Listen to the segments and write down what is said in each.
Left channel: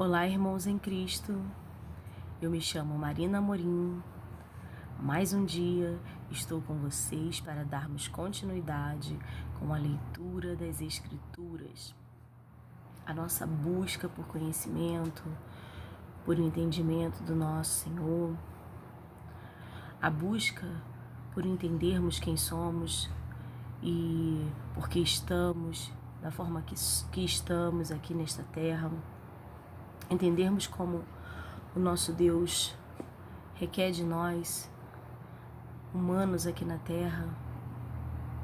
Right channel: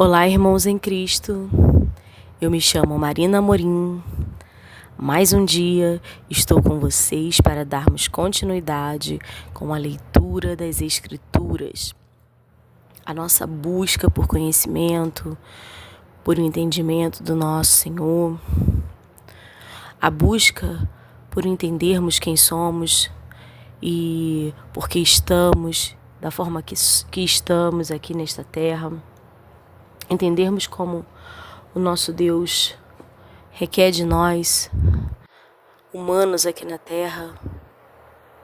Olá, irmãos em Cristo. Eu me chamo Marina Amorim. Mais um dia estou com vocês para darmos continuidade com a leitura das Escrituras. A nossa busca por conhecimento, por um entendimento do nosso Senhor. A busca por entendermos quem somos e por que estamos, da forma que estamos aqui nesta terra. Entendermos como o nosso Deus requer de nós, humanos aqui na terra,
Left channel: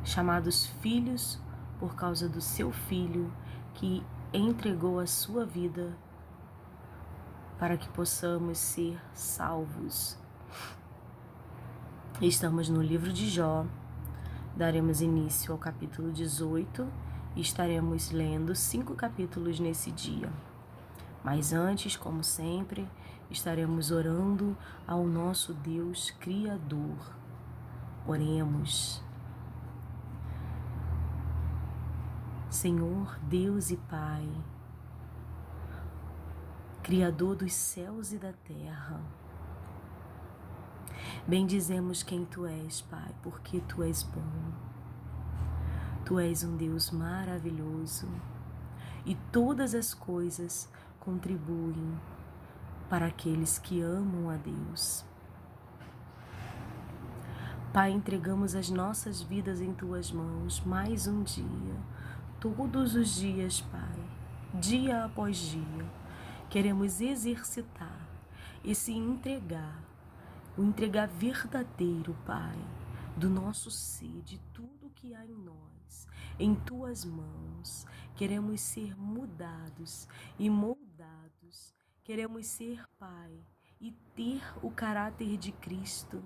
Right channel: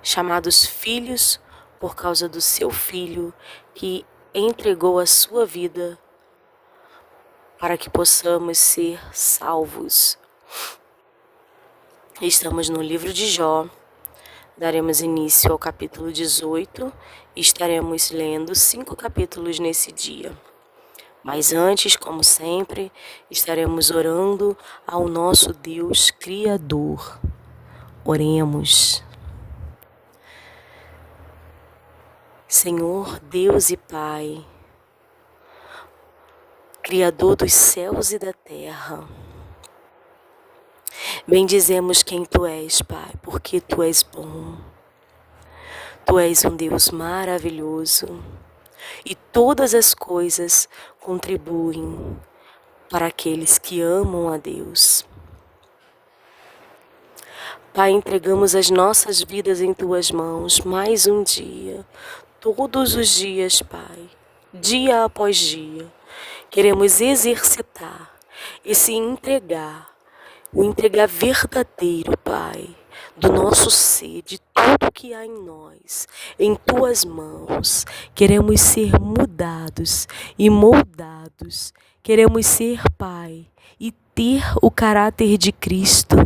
chamados filhos por causa do seu Filho que entregou a sua vida para que possamos ser salvos. Estamos no livro de Jó, daremos início ao capítulo 18 e estaremos lendo 5 capítulos nesse dia. Mas antes, como sempre, estaremos orando ao nosso Deus Criador. Oremos. Senhor, Deus e Pai, Criador dos céus e da terra, bendizemos quem Tu és, Pai, porque Tu és bom. Tu és um Deus maravilhoso e todas as coisas contribuem para aqueles que amam a Deus. Pai, entregamos as nossas vidas em Tuas mãos mais um dia, todos os dias, Pai, dia após dia. Queremos exercitar esse entregar, o entregar verdadeiro, Pai, do nosso ser, de tudo que há em nós, em Tuas mãos. Queremos ser mudados e moldados. Queremos ser, Pai, e ter o caráter de Cristo.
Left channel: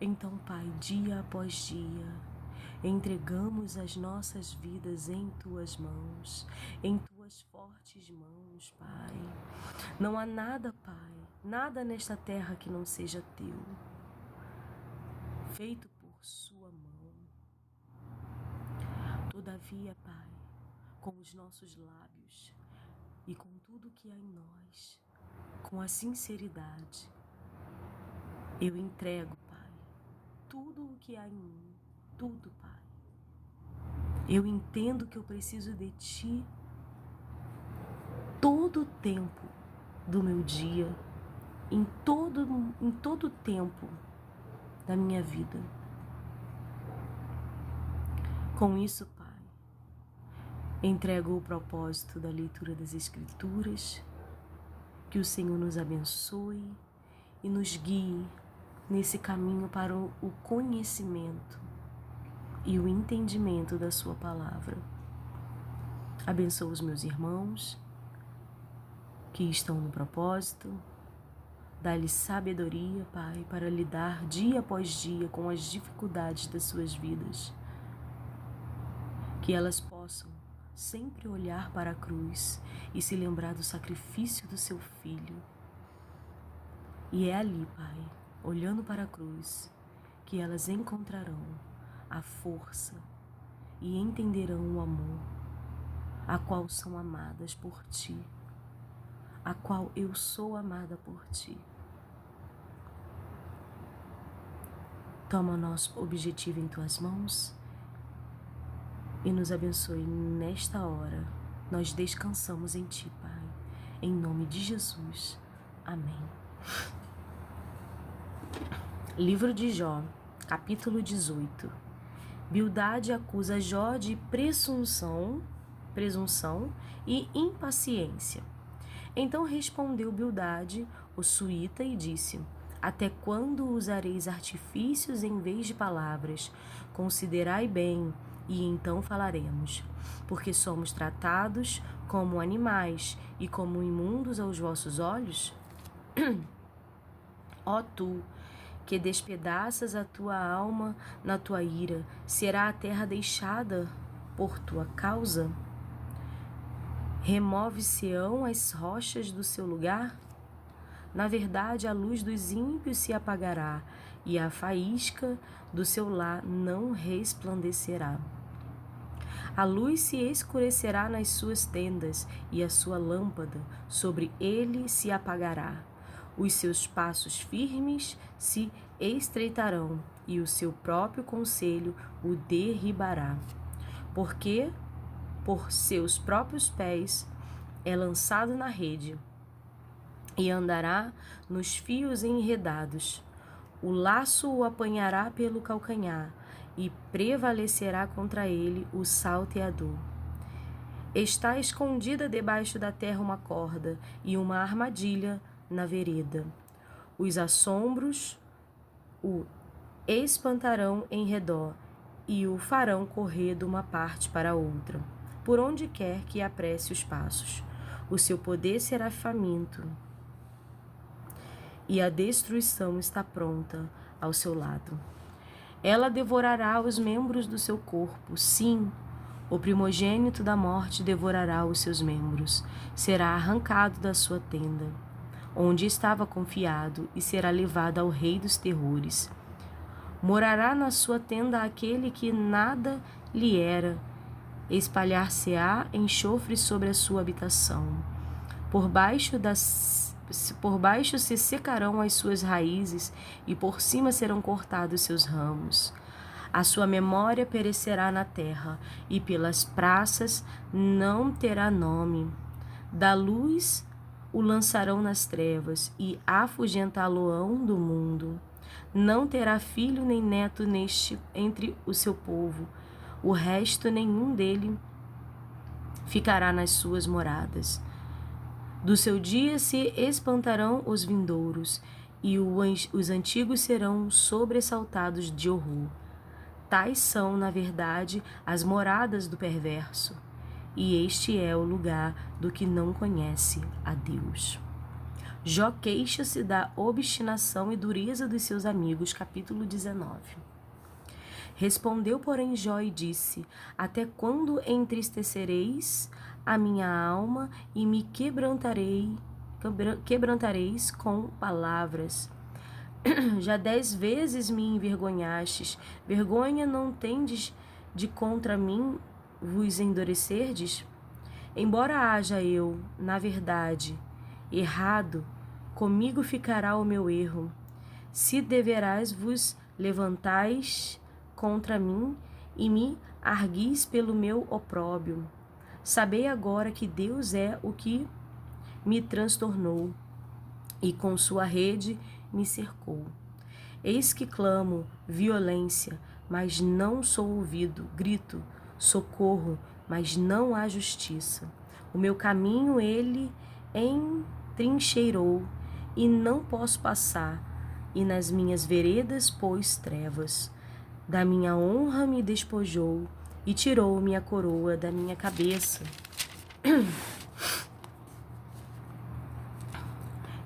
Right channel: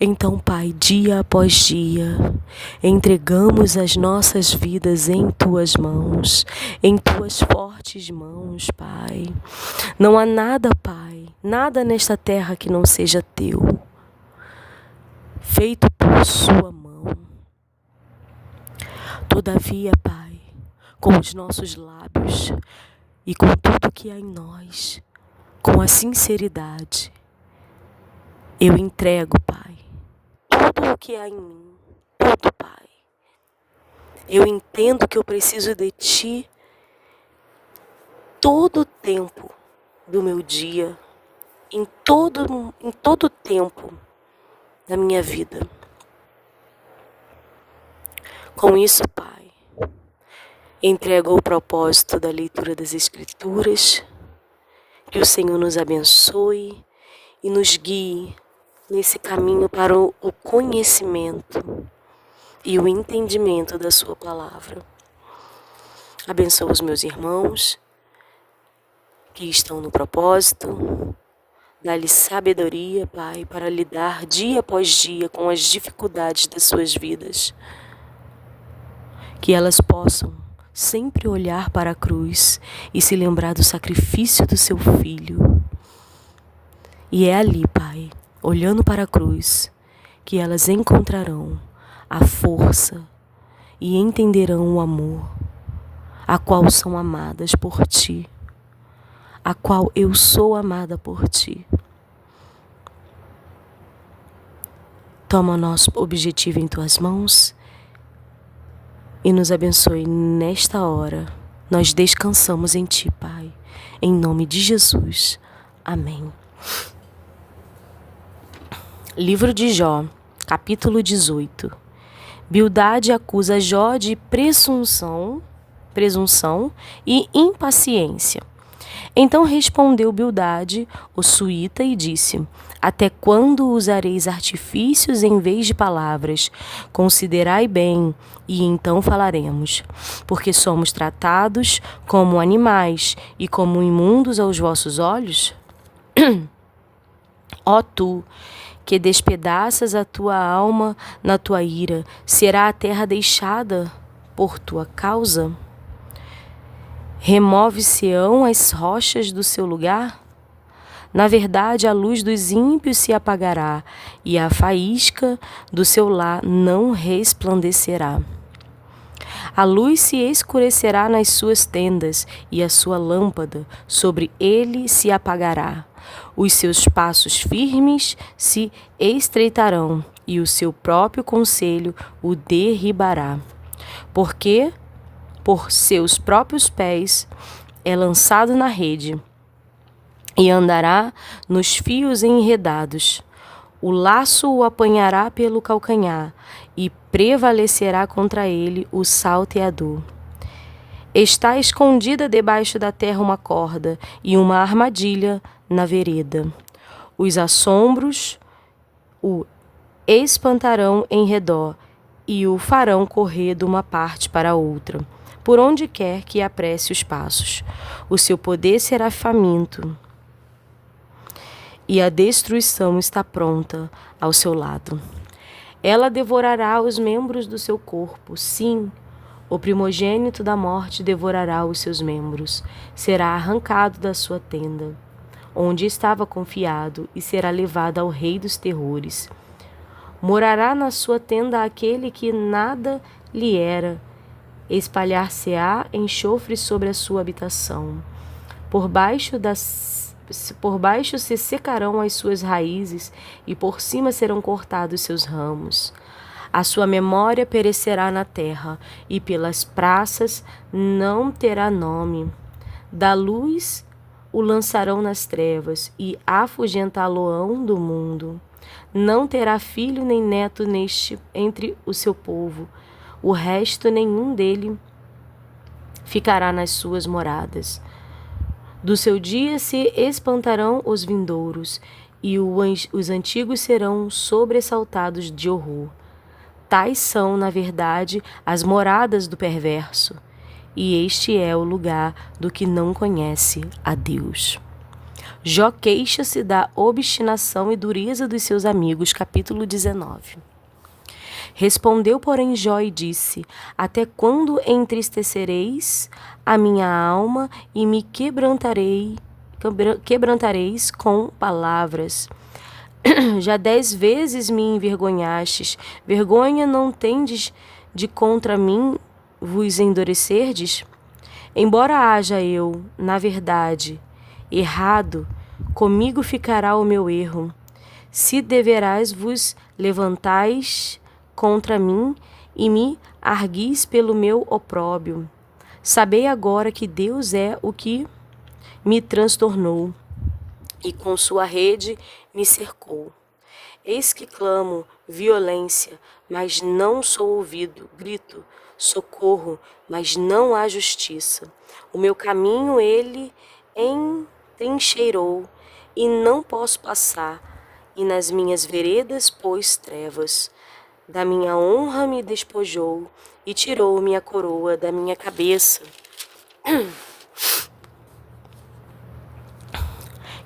Então, Pai, dia após dia, entregamos as nossas vidas em Tuas mãos, em Tuas fortes mãos, Pai. Não há nada, Pai, nada nesta terra que não seja Teu, feito por Sua mão. Todavia, Pai, com os nossos lábios e com tudo que há em nós, com a sinceridade, eu entrego, Pai, tudo o que há em mim, tudo, Pai. Eu entendo que eu preciso de Ti todo o tempo do meu dia, em todo o tempo da minha vida. Com isso, Pai, entrego o propósito da leitura das Escrituras, que o Senhor nos abençoe e nos guie nesse caminho para o conhecimento e o entendimento da Sua palavra. Abençoa os meus irmãos que estão no propósito. Dá-lhes sabedoria, Pai, para lidar dia após dia com as dificuldades das suas vidas. Que elas possam sempre olhar para a cruz e se lembrar do sacrifício do Seu Filho. E é ali, Pai, olhando para a cruz, que elas encontrarão a força e entenderão o amor, a qual são amadas por Ti, a qual eu sou amada por Ti. Toma o nosso objetivo em Tuas mãos e nos abençoe nesta hora. Nós descansamos em Ti, Pai, em nome de Jesus. Amém. Livro de Jó, capítulo 18. Bildade acusa Jó de presunção e impaciência. Então respondeu Bildade, o suíta, e disse: Até quando usareis artifícios em vez de palavras? Considerai bem, e então falaremos. Porque somos tratados como animais e como imundos aos vossos olhos? Ó tu, que despedaças a tua alma na tua ira, será a terra deixada por tua causa? Remove-se-ão as rochas do seu lugar? Na verdade, a luz dos ímpios se apagará, e a faísca do seu lar não resplandecerá. A luz se escurecerá nas suas tendas, e a sua lâmpada sobre ele se apagará. Os seus passos firmes se estreitarão, e o seu próprio conselho o derribará. Porque por seus próprios pés é lançado na rede, e andará nos fios enredados. O laço o apanhará pelo calcanhar, e prevalecerá contra ele o salteador. Está escondida debaixo da terra uma corda, e uma armadilha na vereda. Os assombros o espantarão em redor, e o farão correr de uma parte para outra, por onde quer que apresse os passos. O seu poder será faminto, e a destruição está pronta ao seu lado. Ela devorará os membros do seu corpo, sim, o primogênito da morte devorará os seus membros. Será arrancado da sua tenda, onde estava confiado, e será levado ao rei dos terrores. Morará na sua tenda aquele que nada lhe era, espalhar-se-á enxofre sobre a sua habitação. Por baixo se secarão as suas raízes, e por cima serão cortados seus ramos. A sua memória perecerá na terra, e pelas praças não terá nome. Da luz o lançarão nas trevas, e afugentá-lo-ão do mundo. Não terá filho nem neto entre o seu povo. O resto nenhum dele ficará nas suas moradas. Do seu dia se espantarão os vindouros, e os antigos serão sobressaltados de horror. Tais são, na verdade, as moradas do perverso, e este é o lugar do que não conhece a Deus. Jó queixa-se da obstinação e dureza dos seus amigos, capítulo 19. Respondeu, porém, Jó e disse: Até quando entristecereis a minha alma e me quebrantareis com palavras? Já 10 vezes me envergonhastes. Vergonha não tendes de contra mim vos endurecerdes? Embora haja eu, na verdade, errado, comigo ficará o meu erro. Se deverás vos levantais contra mim e me arguis pelo meu opróbrio. Sabei agora que Deus é o que me transtornou, e com sua rede me cercou. Eis que clamo violência, mas não sou ouvido. Grito socorro, mas não há justiça. O meu caminho ele entrincheirou, e não posso passar, e nas minhas veredas pôs trevas. Da minha honra me despojou, e tirou minha coroa da minha cabeça.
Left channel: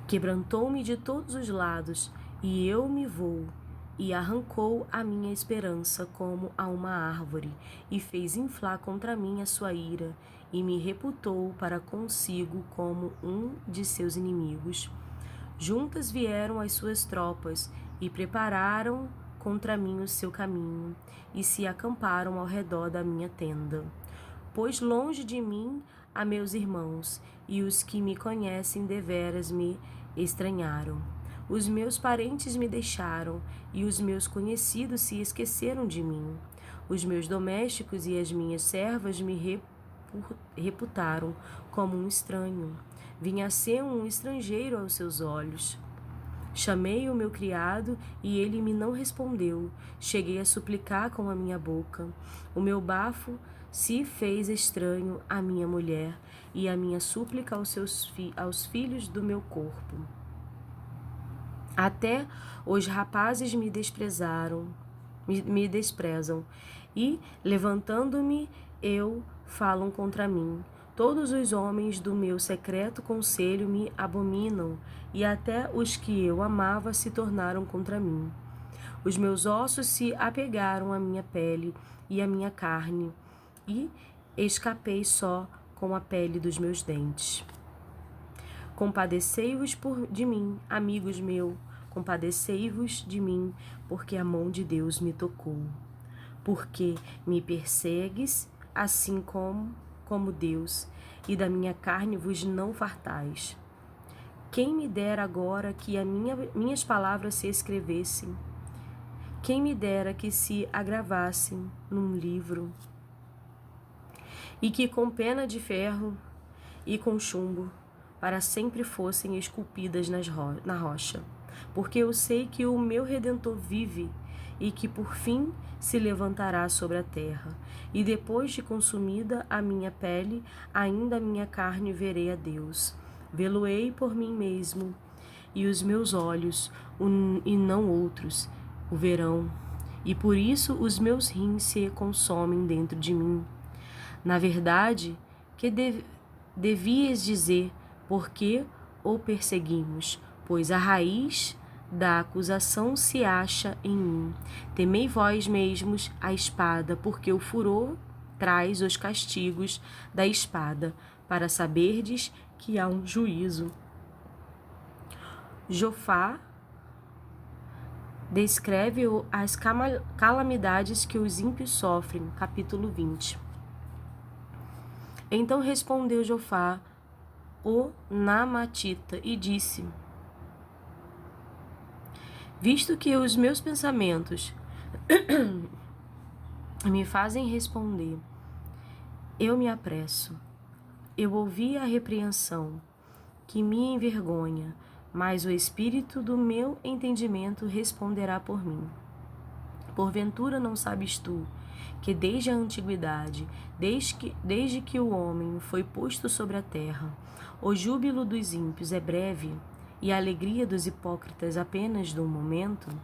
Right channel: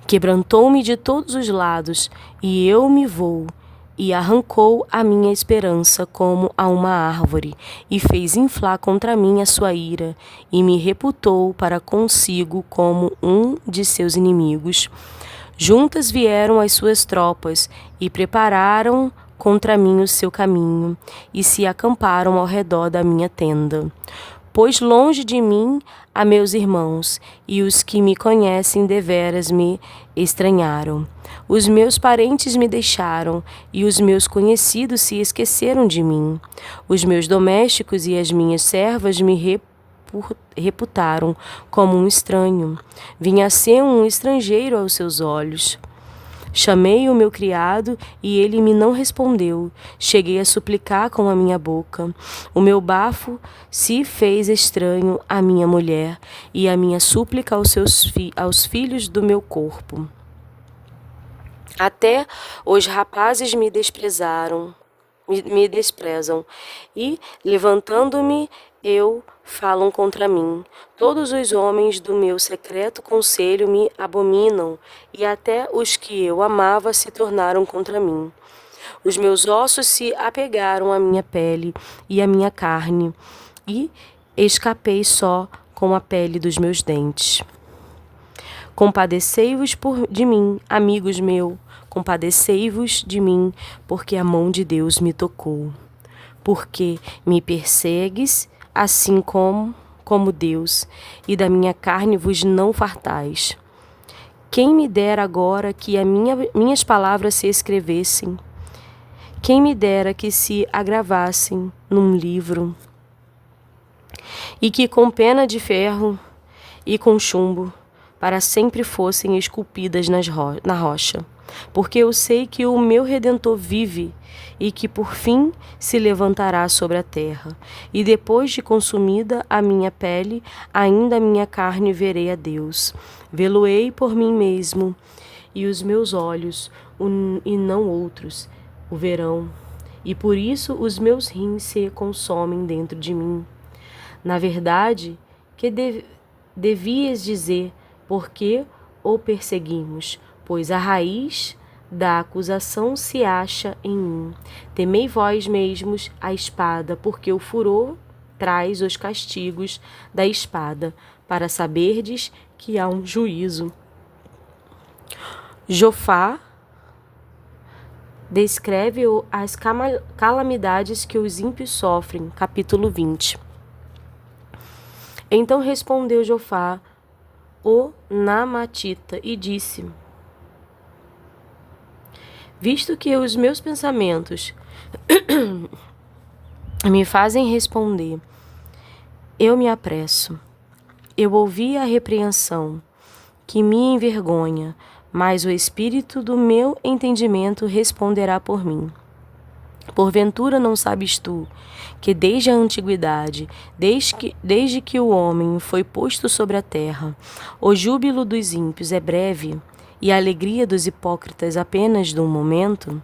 Quebrantou-me de todos os lados, e eu me vou, e arrancou a minha esperança como a uma árvore, e fez inflar contra mim a sua ira, e me reputou para consigo como um de seus inimigos. Juntas vieram as suas tropas, e prepararam contra mim o seu caminho, e se acamparam ao redor da minha tenda. Pois longe de mim há meus irmãos, e os que me conhecem deveras me estranharam. Os meus parentes me deixaram, e os meus conhecidos se esqueceram de mim. Os meus domésticos e as minhas servas me reputaram como um estranho. Vinha a ser um estrangeiro aos seus olhos. Chamei o meu criado, e ele me não respondeu. Cheguei a suplicar com a minha boca. O meu bafo se fez estranho à minha mulher, e a minha súplica aos filhos do meu corpo. Até os rapazes me desprezam, e, levantando-me, falam contra mim. Todos os homens do meu secreto conselho me abominam, e até os que eu amava se tornaram contra mim. Os meus ossos se apegaram à minha pele e à minha carne, e escapei só com a pele dos meus dentes. Compadecei-vos de mim, amigos meus, compadecei-vos de mim, porque a mão de Deus me tocou. Porque me persegues, assim como Deus, e da minha carne vos não fartais. Quem me dera agora que minhas palavras se escrevessem? Quem me dera que se agravassem num livro, e que com pena de ferro e com chumbo para sempre fossem esculpidas na rocha. Porque eu sei que o meu Redentor vive e que por fim se levantará sobre a terra. E depois de consumida a minha pele, ainda a minha carne verei a Deus. Vê-lo-ei por mim mesmo, e os meus olhos, e não outros, o verão. E por isso os meus rins se consomem dentro de mim. Na verdade, que devias dizer, porque o perseguimos, pois a raiz da acusação se acha em mim. Temei vós mesmos a espada, porque o furor traz os castigos da espada, para saberdes que há um juízo. Jofá descreve as calamidades que os ímpios sofrem, capítulo 20. Então respondeu Jofá, o Naamatita, e disse: visto que os meus pensamentos me fazem responder, eu me apresso. Eu ouvi a repreensão, que me envergonha, mas o espírito do meu entendimento responderá por mim. Porventura não sabes tu, que desde a antiguidade, desde que o homem foi posto sobre a terra, o júbilo dos ímpios é breve, e a alegria dos hipócritas apenas de um momento?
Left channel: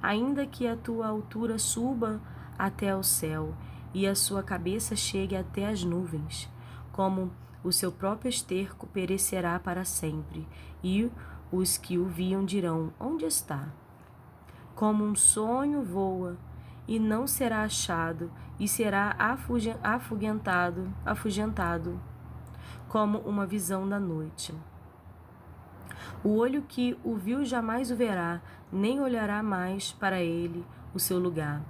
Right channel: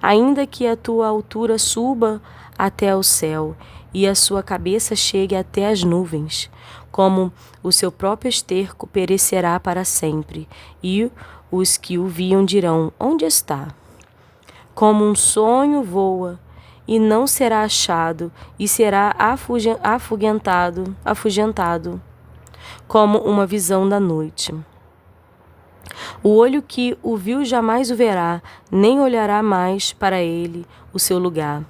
Ainda que a tua altura suba até o céu, e a sua cabeça chegue até as nuvens, como o seu próprio esterco perecerá para sempre, e os que o viam dirão, onde está? Como um sonho voa, e não será achado, e será afugentado, como uma visão da noite. O olho que o viu jamais o verá, nem olhará mais para ele o seu lugar.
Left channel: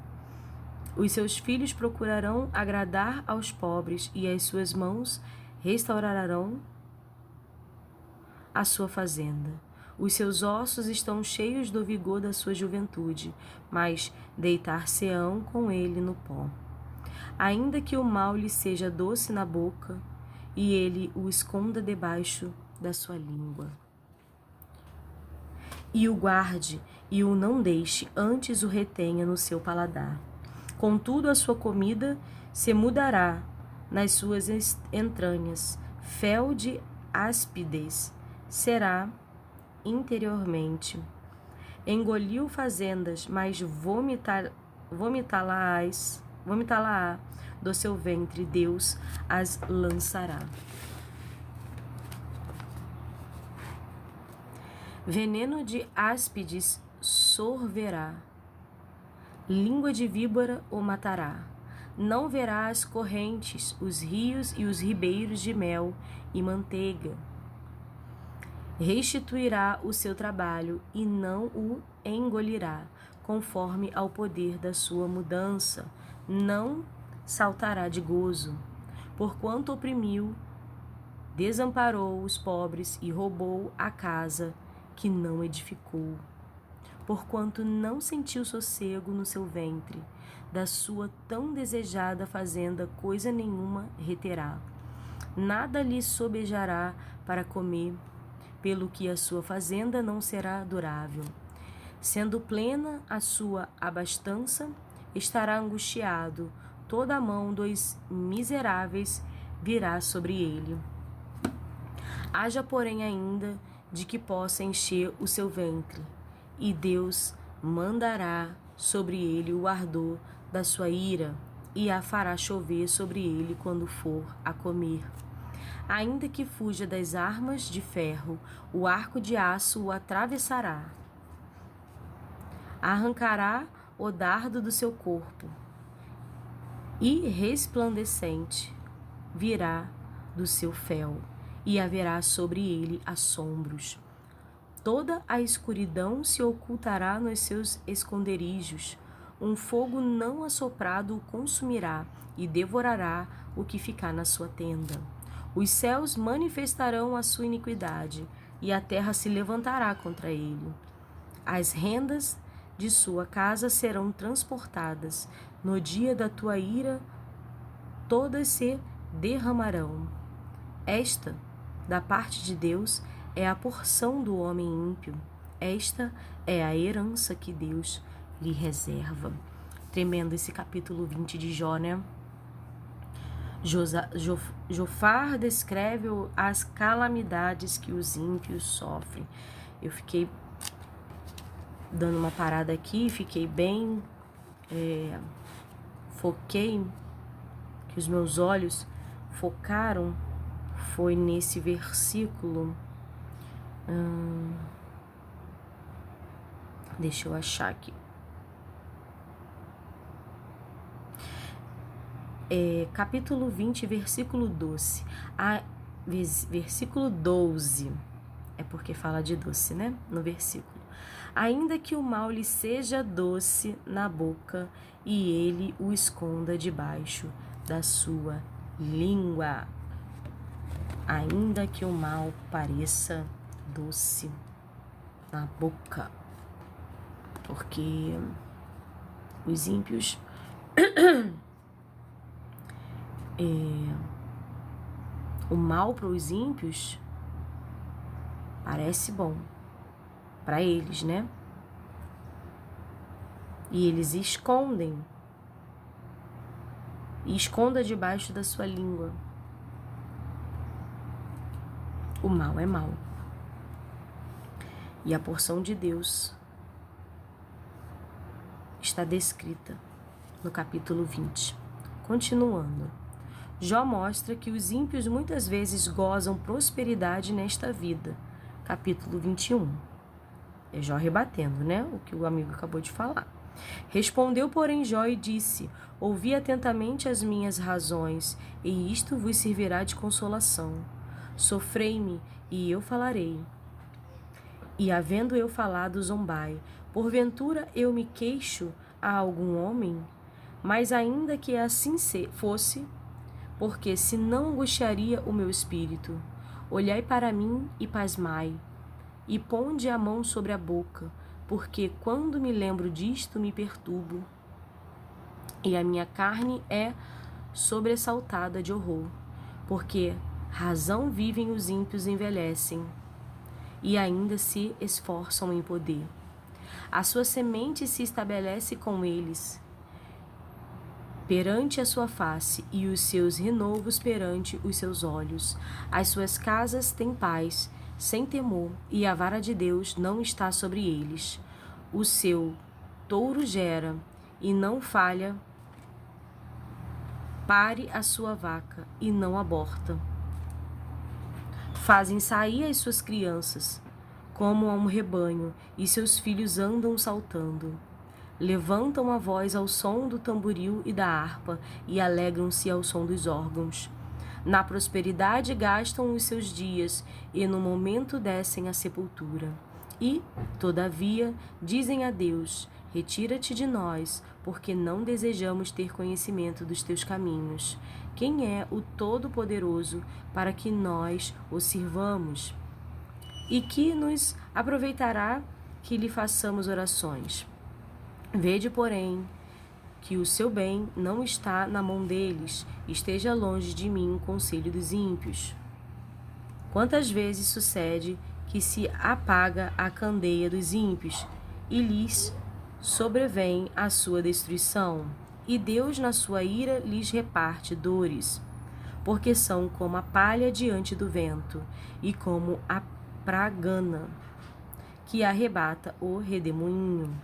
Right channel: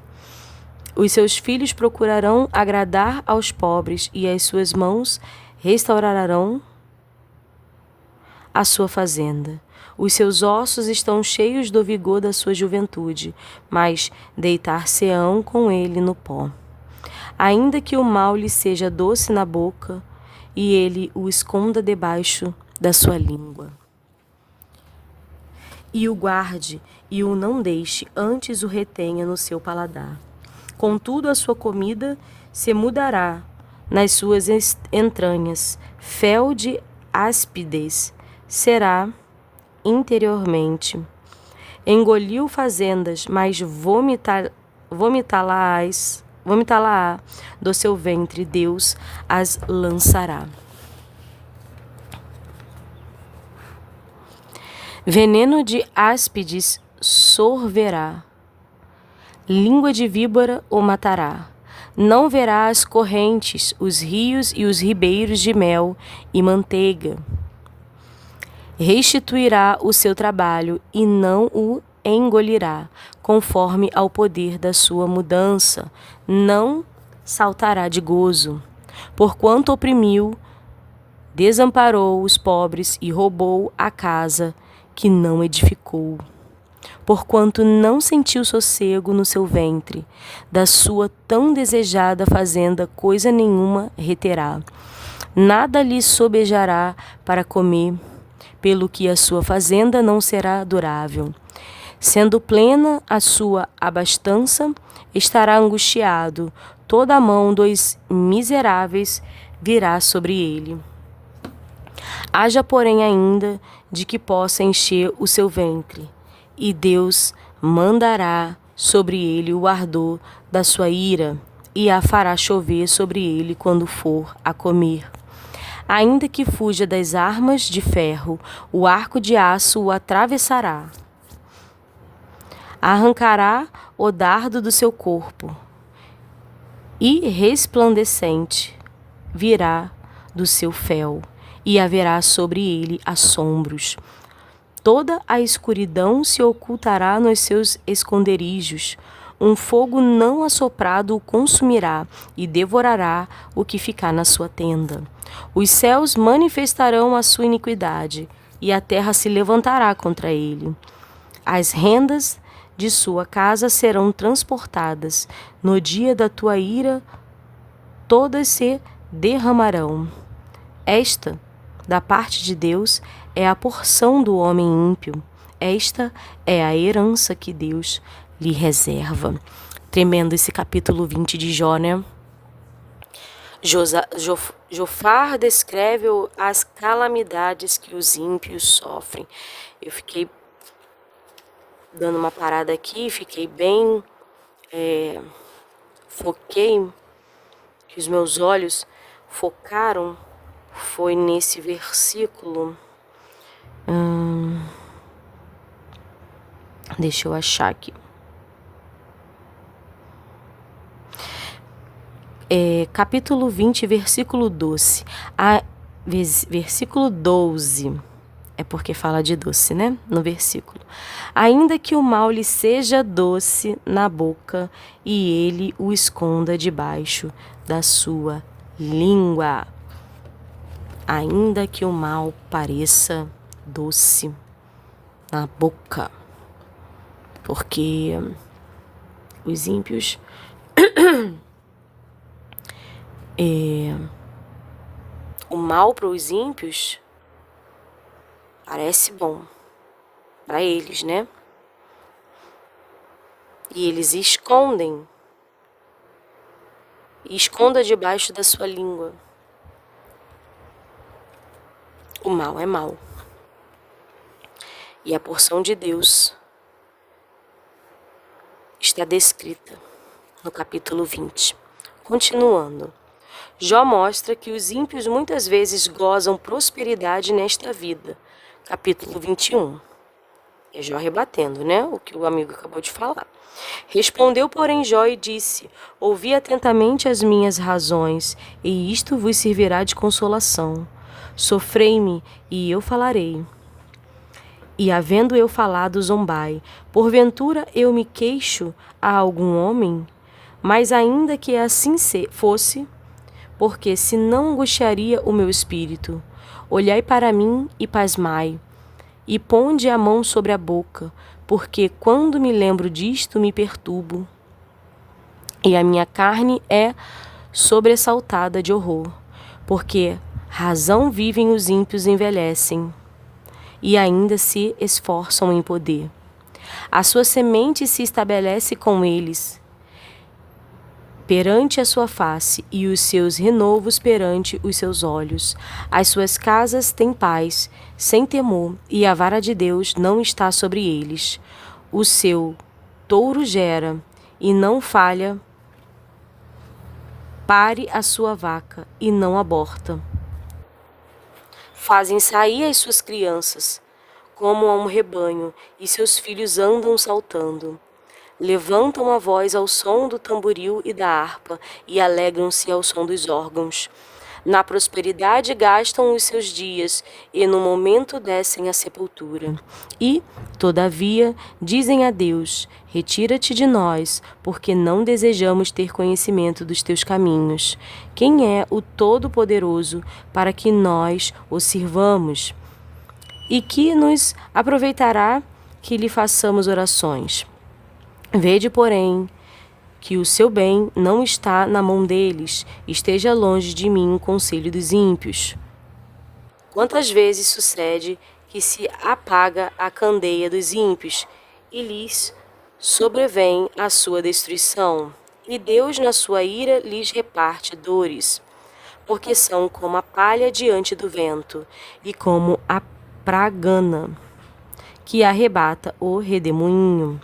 Os seus filhos procurarão agradar aos pobres, e as suas mãos restaurarão a sua fazenda. Os seus ossos estão cheios do vigor da sua juventude, mas deitar-se-ão com ele no pó. Ainda que o mal lhe seja doce na boca, e ele o esconda debaixo da sua língua. E o guarde, e o não deixe, antes o retenha no seu paladar. Contudo, a sua comida se mudará nas suas entranhas, fel de áspidez será interiormente. Engoliu fazendas, mas vomitá-la-á do seu ventre, Deus as lançará. Veneno de áspides sorverá, língua de víbora o matará. Não verá as correntes, os rios e os ribeiros de mel e manteiga. Restituirá o seu trabalho e não o engolirá, conforme ao poder da sua mudança. Não saltará de gozo, porquanto oprimiu, desamparou os pobres e roubou a casa que não edificou. Porquanto não sentiu sossego no seu ventre, da sua tão desejada fazenda coisa nenhuma reterá. Nada lhe sobejará para comer, pelo que a sua fazenda não será durável. Sendo plena a sua abastança, estará angustiado, toda a mão dos miseráveis virá sobre ele. Haja, porém, ainda de que possa encher o seu ventre, e Deus mandará sobre ele o ardor da sua ira, e a fará chover sobre ele quando for a comer. Ainda que fuja das armas de ferro, o arco de aço o atravessará. Arrancará o dardo do seu corpo, e resplandecente virá do seu fel, e haverá sobre ele assombros. Toda a escuridão se ocultará nos seus esconderijos. Um fogo não assoprado o consumirá e devorará o que ficar na sua tenda. Os céus manifestarão a sua iniquidade e a terra se levantará contra ele. As rendas de sua casa serão transportadas. No dia da tua ira, todas se derramarão. Esta, da parte de Deus, é a porção do homem ímpio. Esta é a herança que Deus lhe reserva. Tremendo esse capítulo 20 de Jó, né? Jofar descreve as calamidades que os ímpios sofrem. Eu fiquei dando uma parada aqui, fiquei bem... foquei, que os meus olhos focaram, foi nesse versículo... deixa eu achar aqui. Capítulo 20, versículo 12. Versículo 12. É porque fala de doce, né? No versículo. Ainda que o mal lhe seja doce na boca e ele o esconda debaixo da sua língua. Ainda que o mal pareça doce na boca. Porque os ímpios... o mal para os ímpios parece bom para eles, né? E eles escondem. E esconda debaixo da sua língua. O mal é mal. E a porção de Deus está descrita no capítulo 20. Continuando. Jó mostra que os ímpios muitas vezes gozam prosperidade nesta vida. Capítulo 21. É Jó rebatendo, né? O que o amigo acabou de falar. Respondeu, porém, Jó e disse: ouvi atentamente as minhas razões, e isto vos servirá de consolação. Sofrei-me, e eu falarei. E havendo eu falado, zombai. Porventura eu me queixo a algum homem? Mas ainda que assim fosse, porque se não angustiaria o meu espírito. Olhai para mim e pasmai, e ponde a mão sobre a boca, porque quando me lembro disto me perturbo, e a minha carne é sobressaltada de horror, porque razão vivem os ímpios envelhecem, e ainda se esforçam em poder. A sua semente se estabelece com eles, perante a sua face, e os seus renovos perante os seus olhos. As suas casas têm paz, sem temor, e a vara de Deus não está sobre eles. O seu touro gera, e não falha, pare a sua vaca, e não aborta. Fazem sair as suas crianças, como a um rebanho, e seus filhos andam saltando. Levantam a voz ao som do tamboril e da harpa, e alegram-se ao som dos órgãos. Na prosperidade gastam os seus dias, e no momento descem à sepultura. E, todavia, dizem a Deus: retira-te de nós, porque não desejamos ter conhecimento dos teus caminhos. Quem é o Todo-Poderoso para que nós o sirvamos? E que nos aproveitará que lhe façamos orações? Vede, porém, que o seu bem não está na mão deles, esteja longe de mim o conselho dos ímpios. Quantas vezes sucede que se apaga a candeia dos ímpios e lhes sobrevém a sua destruição, e Deus na sua ira lhes reparte dores, porque são como a palha diante do vento e como a pragana que arrebata o redemoinho.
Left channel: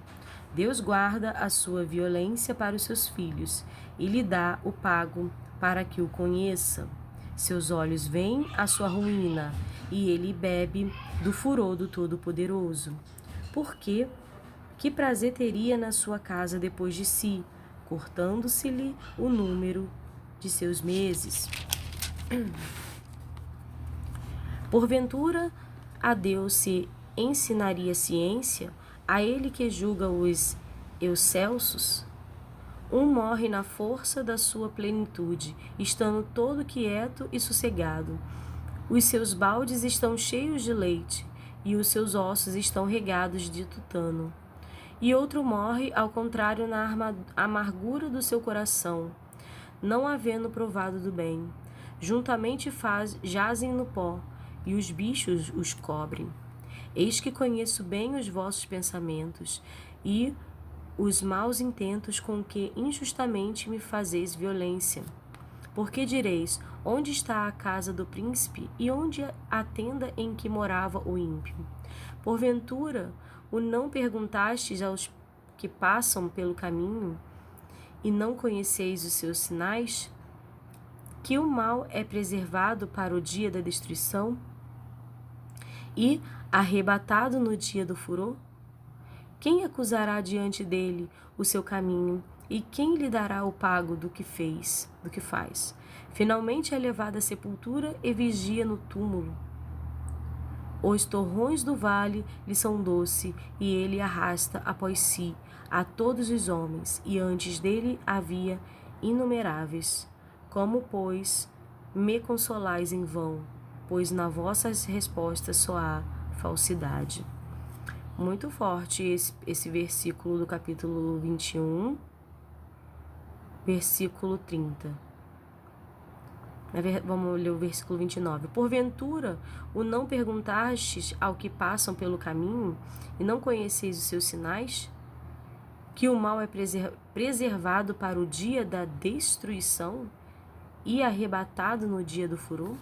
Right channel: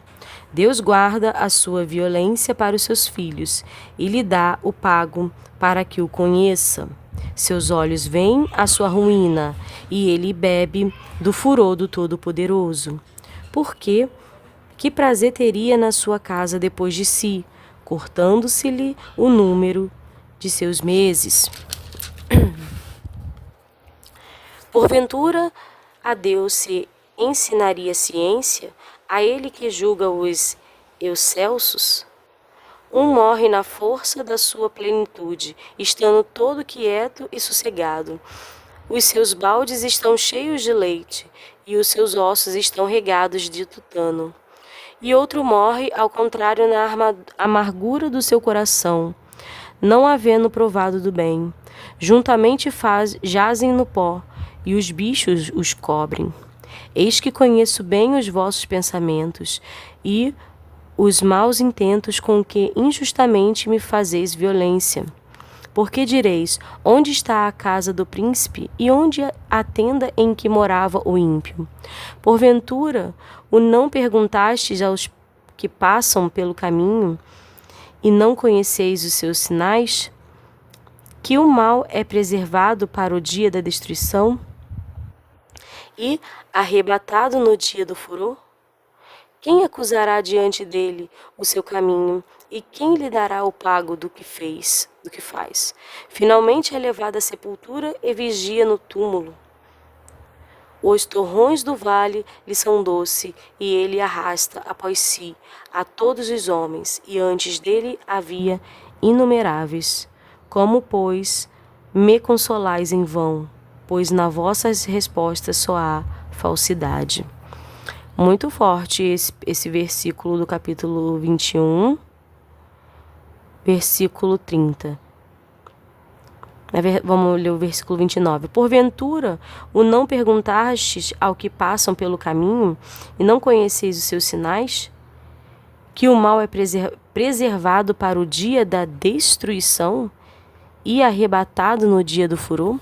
Deus guarda a sua violência para os seus filhos e lhe dá o pago para que o conheça. Seus olhos veem a sua ruína e ele bebe do furor do Todo-Poderoso. Porque que prazer teria na sua casa depois de si, cortando-se-lhe o número de seus meses? Porventura, a Deus se ensinaria ciência, a ele que julga os Eucelsos, um morre na força da sua plenitude, estando todo quieto e sossegado. Os seus baldes estão cheios de leite, e os seus ossos estão regados de tutano. E outro morre, ao contrário, na amargura do seu coração, não havendo provado do bem. Juntamente jazem no pó, e os bichos os cobrem. Eis que conheço bem os vossos pensamentos, e os maus intentos com que injustamente me fazeis violência. Porque direis, onde está a casa do príncipe, e onde a tenda em que morava o ímpio? Porventura, o não perguntastes aos que passam pelo caminho, e não conheceis os seus sinais? Que o mal é preservado para o dia da destruição, e arrebatado no dia do furor? Quem acusará diante dele o seu caminho, e quem lhe dará o pago do que faz? Finalmente é levado à sepultura e vigia no túmulo. Os torrões do vale lhe são doce, e ele arrasta após si a todos os homens, e antes dele havia inumeráveis. Como, pois, me consolais em vão, pois na vossas respostas só há falsidade. Muito forte esse versículo do capítulo 21, versículo 30. Vamos ler o versículo 29. Porventura, o não perguntastes ao que passam pelo caminho, e não conheceis os seus sinais? Que o mal é preservado para o dia da destruição, e arrebatado no dia do furor?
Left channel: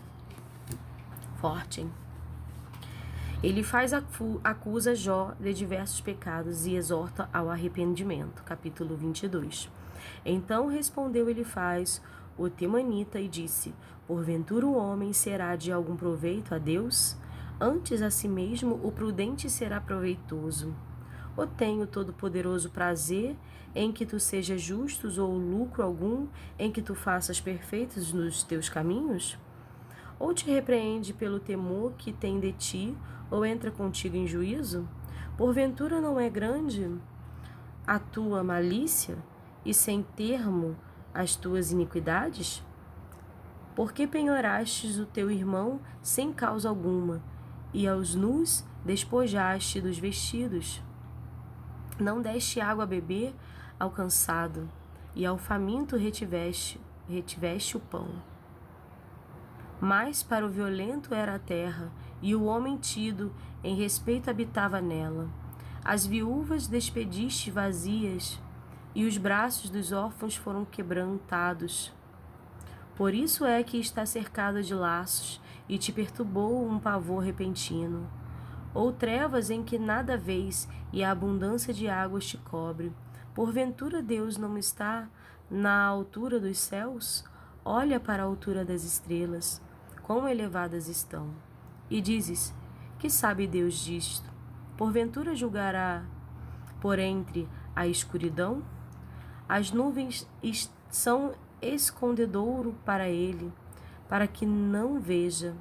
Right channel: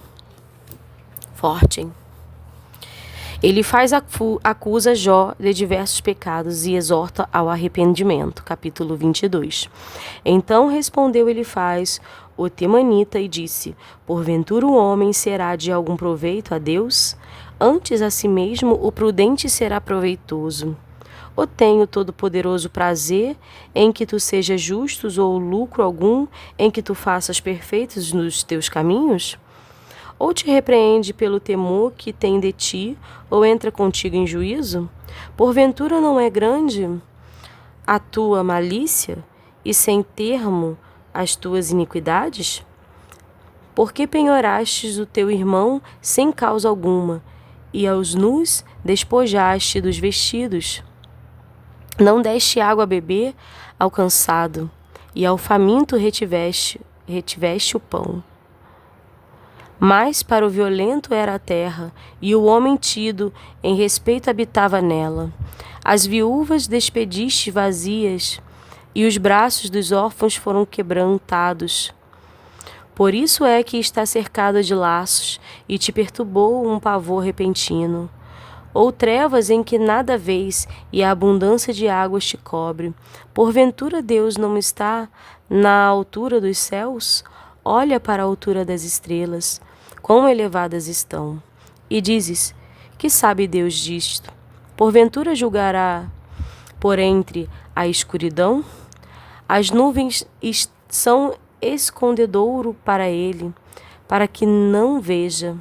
Forte, hein? Ele acusa Jó de diversos pecados e exorta ao arrependimento. Capítulo 22. Então respondeu Elifaz, o temanita, e disse: Porventura o homem será de algum proveito a Deus? Antes a si mesmo o prudente será proveitoso. Ou tem o Todo-Poderoso prazer em que tu sejas justos, ou lucro algum em que tu faças perfeitos nos teus caminhos? Ou te repreende pelo temor que tem de ti, ou entra contigo em juízo? Porventura não é grande a tua malícia, e sem termo as tuas iniquidades? Por que penhorastes o teu irmão sem causa alguma, e aos nus despojaste dos vestidos? Não deste água a beber ao cansado, e ao faminto retiveste o pão. Mas para o violento era a terra, e o homem tido em respeito habitava nela. As viúvas despediste vazias, e os braços dos órfãos foram quebrantados. Por isso é que está cercado de laços, e te perturbou um pavor repentino. Ou trevas em que nada vês, e a abundância de águas te cobre. Porventura Deus não está na altura dos céus? Olha para a altura das estrelas, quão elevadas estão. E dizes, que sabe Deus disto? Porventura julgará por entre a escuridão? As nuvens são escondedouro para ele, para que não veja.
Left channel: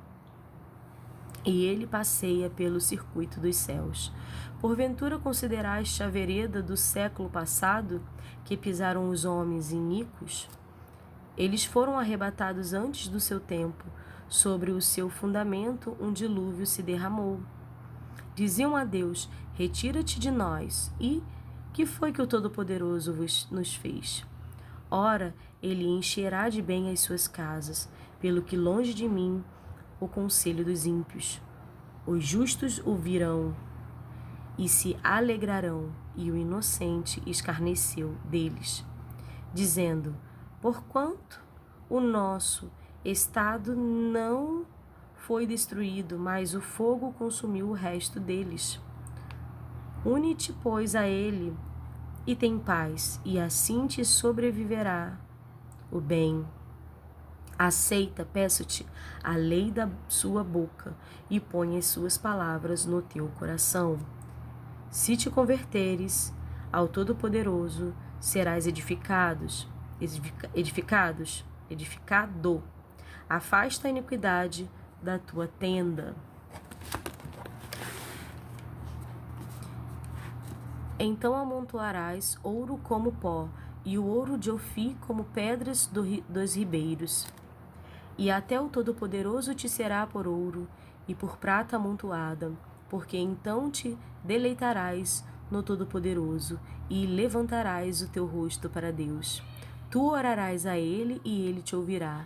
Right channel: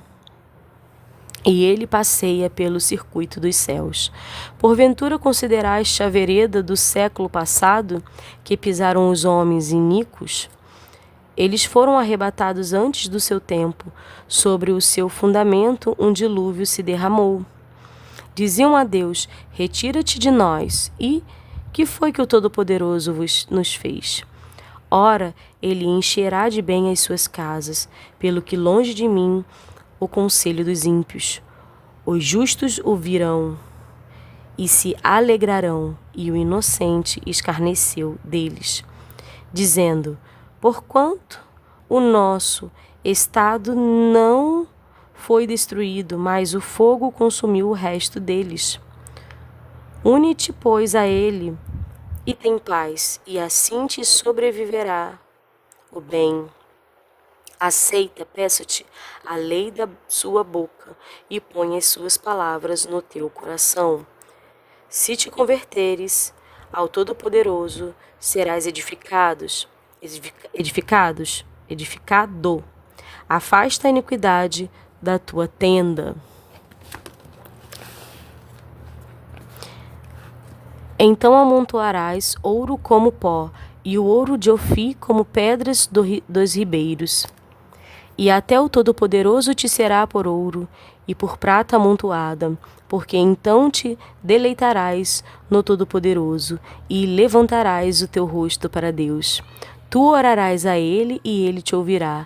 E ele passeia pelo circuito dos céus. Porventura consideraste a vereda do século passado, que pisaram os homens iníquos? Eles foram arrebatados antes do seu tempo. Sobre o seu fundamento um dilúvio se derramou. Diziam a Deus, retira-te de nós. E que foi que o Todo-Poderoso nos fez? Ora, ele encherá de bem as suas casas, pelo que longe de mim o conselho dos ímpios. Os justos o virão e se alegrarão, e o inocente escarneceu deles, dizendo, porquanto o nosso estado não foi destruído, mas o fogo consumiu o resto deles. Une-te, pois, a ele, e tem paz, e assim te sobreviverá o bem. Aceita, peço-te, a lei da sua boca, e põe as suas palavras no teu coração. Se te converteres ao Todo-Poderoso, serás edificado. Afasta a iniquidade da tua tenda. Então amontoarás ouro como pó, e o ouro de Ofir como pedras dos ribeiros. E até o Todo-Poderoso te será por ouro e por prata amontoada, porque então te deleitarás no Todo-Poderoso e levantarás o teu rosto para Deus. Tu orarás a Ele e Ele te ouvirá,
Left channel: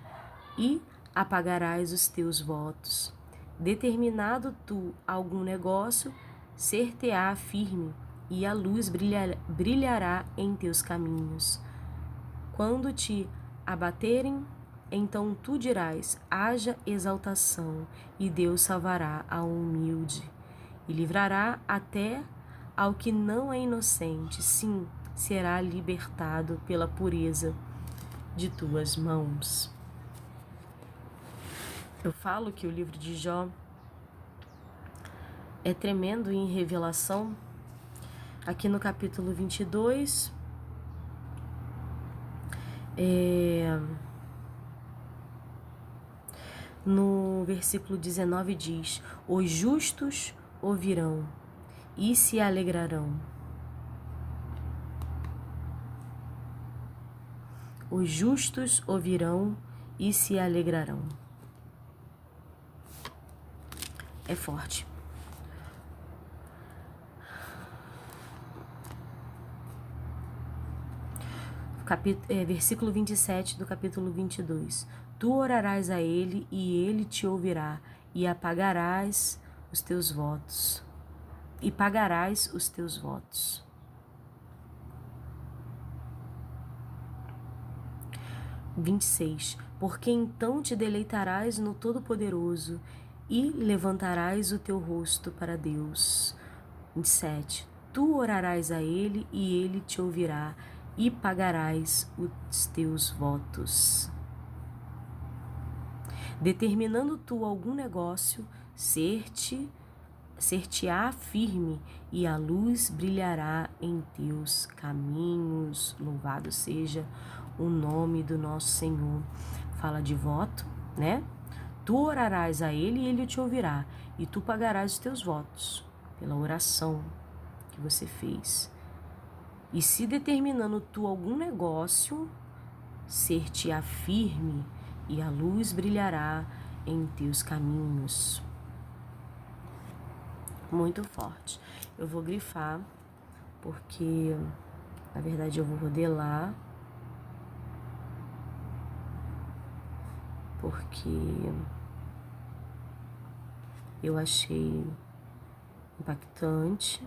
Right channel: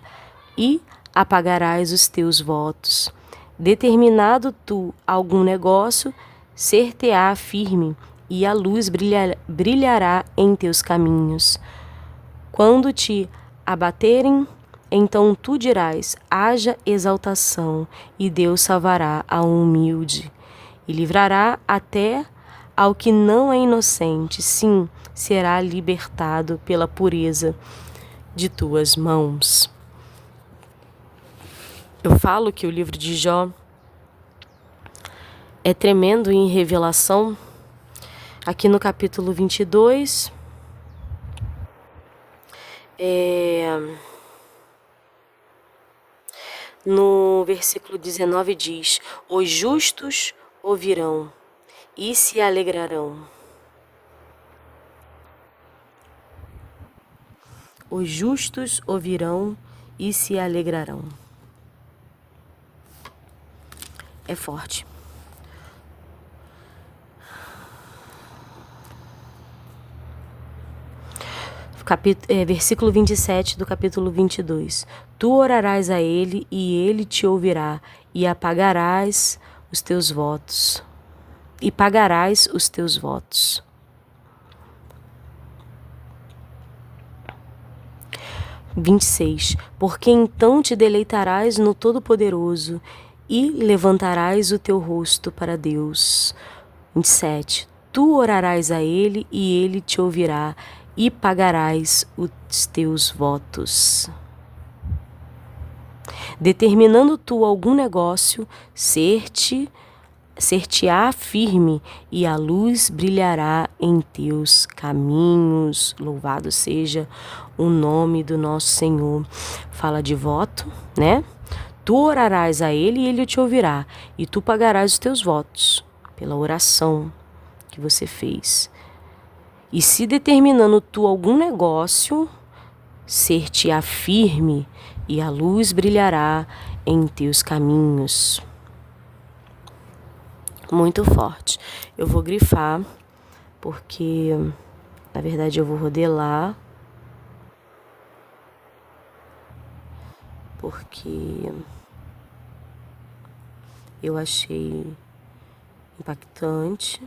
e apagarás os teus votos. Determinado tu algum negócio, ser-te-á firme, e a luz brilhará em teus caminhos. Quando te abaterem, então tu dirás: haja exaltação, e Deus salvará ao humilde, e livrará até ao que não é inocente. Sim, será libertado pela pureza de tuas mãos. Eu falo que o livro de Jó é tremendo em revelação. Aqui no capítulo 22, no versículo 19 diz: os justos ouvirão e se alegrarão. Os justos ouvirão e se alegrarão. É forte. Versículo 27 do capítulo 22. Tu orarás a ele e ele te ouvirá, e apagarás os teus votos. E pagarás os teus votos. 26. Porque então te deleitarás no Todo-Poderoso e levantarás o teu rosto para Deus. 27. Tu orarás a ele e ele te ouvirá, e pagarás os teus votos. Determinando tu algum negócio, ser-te-á firme, e a luz brilhará em teus caminhos. Louvado seja o nome do nosso Senhor. Fala de voto, né? Tu orarás a ele e ele te ouvirá, e tu pagarás os teus votos pela oração que você fez. E se determinando tu algum negócio, ser-te-á firme, e a luz brilhará em teus caminhos. Muito forte. Eu vou grifar, porque na verdade eu vou rodelar, porque eu achei impactante.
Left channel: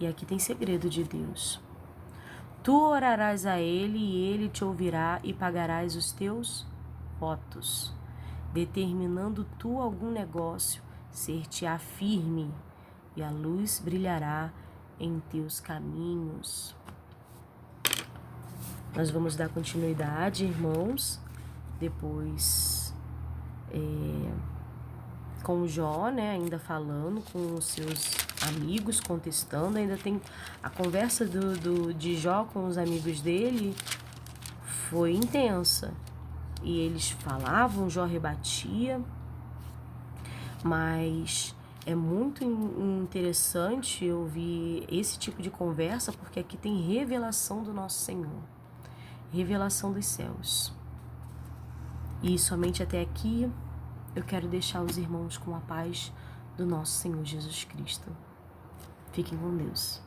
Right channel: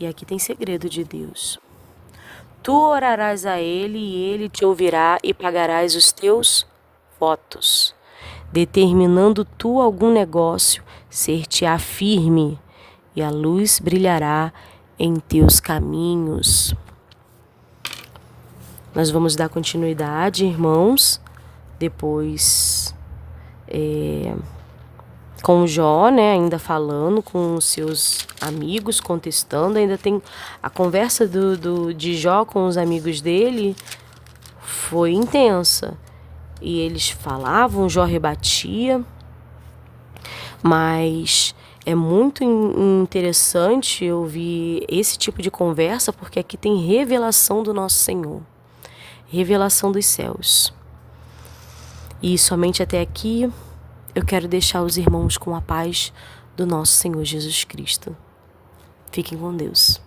E aqui tem segredo de Deus. Tu orarás a ele e ele te ouvirá, e pagarás os teus votos. Determinando tu algum negócio, ser-te-á firme, e a luz brilhará em teus caminhos. Nós vamos dar continuidade, irmãos, depois com Jó, né, ainda falando com os seus amigos, contestando. Ainda tem a conversa de Jó com os amigos dele, foi intensa. E eles falavam, Jó rebatia, mas é muito interessante ouvir esse tipo de conversa, porque aqui tem revelação do nosso Senhor, revelação dos céus. E somente até aqui eu quero deixar os irmãos com a paz do nosso Senhor Jesus Cristo. Fiquem com Deus.